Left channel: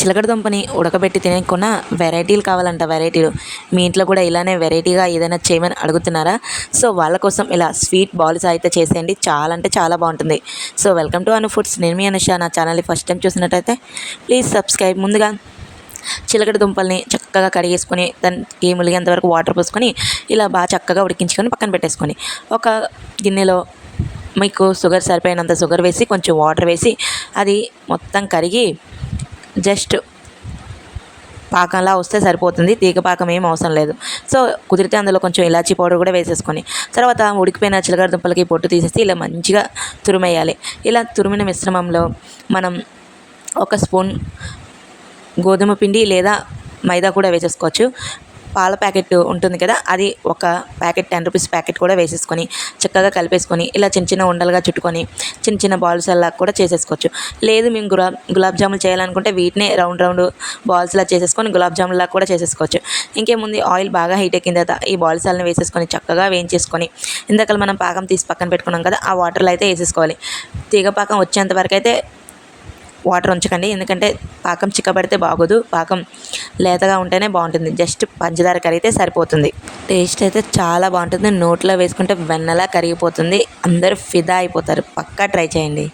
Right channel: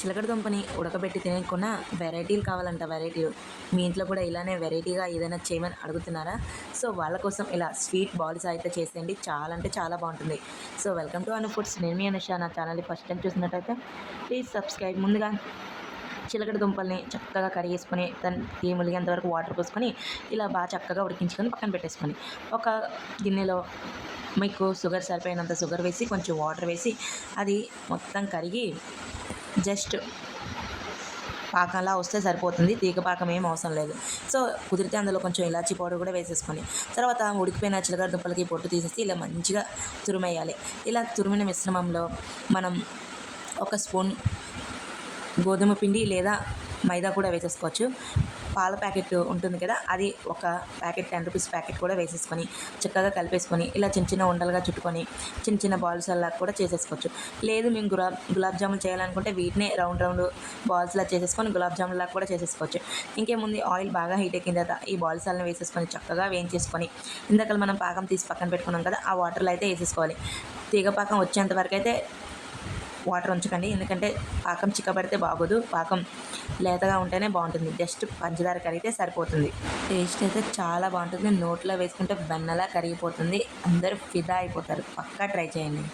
చిలకడ దుంపని ఉడకబెట్టి తినకుండా వెరైటీలు కావాలంట, వెరైటీలు. మీ ఇంట్లో కూడా ఇలానే వెరైటీగా ఏదైనా చేయమని అడుగుతున్నారా? సో వాళ్ళ కోసం ఇలా స్వీట్ బాల్స్ అయితే చేసేయండి, చాలా అంటే చాలా బాగుంటుంది. So welcome to Anu foods. నేను మీ అనుష. నా ఛానల్ని ఫస్ట్ టైం చూసినట్టయితే ప్లీజ్ సబ్స్క్రైబ్. ముందుగా చిలకడ దుంపల్ని చక్కగా కడిగేసుకొని దానికి ములిగేంత వరకు వాటర్ పోసుకొని ఇలా బాగా చక్కగా ఉడికించుకొని పక్కన పెట్టేసుకొని, ఒక గిన్నెలో మీకు షుగర్ సరిపోయినంత షుగర్ వేసి కొంచెం వాటర్ వేసి అది మొత్తం కరిగి జస్ట్ పాకంలా వస్తే సరిపోతుంది. తీగ పాకం ఏం అవసరం లేదు. సో కుదిరితే అందులో కొంచెం ఇలాచీ పౌడర్ కూడా వేసేసుకొని, తర్వాత ఉడికిపోయిన చిలకడ దుంపలకి పొట్టు తీసేసి ఇలా మంచిగా తురిమేయాలి. ఇలా తురిమిన మిశ్రమంలో మనం ఒక స్పూన్ గోధుమ పిండి లేదా మైదా కూడా వేసేసుకోవచ్చు. పాల ప్యాకెట్ ఉంటుంది కదా, అది ఒక ప్యాకెట్ 10 రూపీస్ ప్యాకెట్ కూడా వేసేసుకొని చక్కగా కలిపేసుకొని ఇలా చిన్న చిన్న ఉండలుగా చుట్టుకొని చిన్న చిన్న బాల్స్ అలా కూడా చేసేసుకోవచ్చు. లేదు మేము గులాబ్ జాములు చేయాలనుకుంటే వీటినే రౌండ్ రౌండ్ బాల్స్లా చేసేసుకొని గులాబ్ జాములా కూడా చేసేసుకోవచ్చు. ఇంకేముంది, ఆయిల్ బాగా హీట్ ఎక్కిన తర్వాత ఈ బాల్స్ అన్నీ వేసేసుకొని చక్కగా వేయించేసుకొని ఇందాక మనం పాకం తీసి పక్కన పెట్టుకున్నాం కదా, ఆ వాటర్లో అయితే వేసేసుకోవాలి. తీగ పాకం వచ్చేంత వరకు అయితే వాటర్ ఉంచకండి, ఎందుకంటే పాకం చిక్కబడితే బాగోదు. పాకం లేతగా ఉంటేనే బాగుంటుంది. జస్ట్ పంచదార కరిగితే సరిపోతుంది. టేస్ట్ అయితే చాలా బాగుంటుంది. నోట్లో వేసుకుంటే వెన్నలా కరిగిపోతుంది. అందరూ ఫిదా అయిపోతారు. పక్కా ట్రై చేయండి.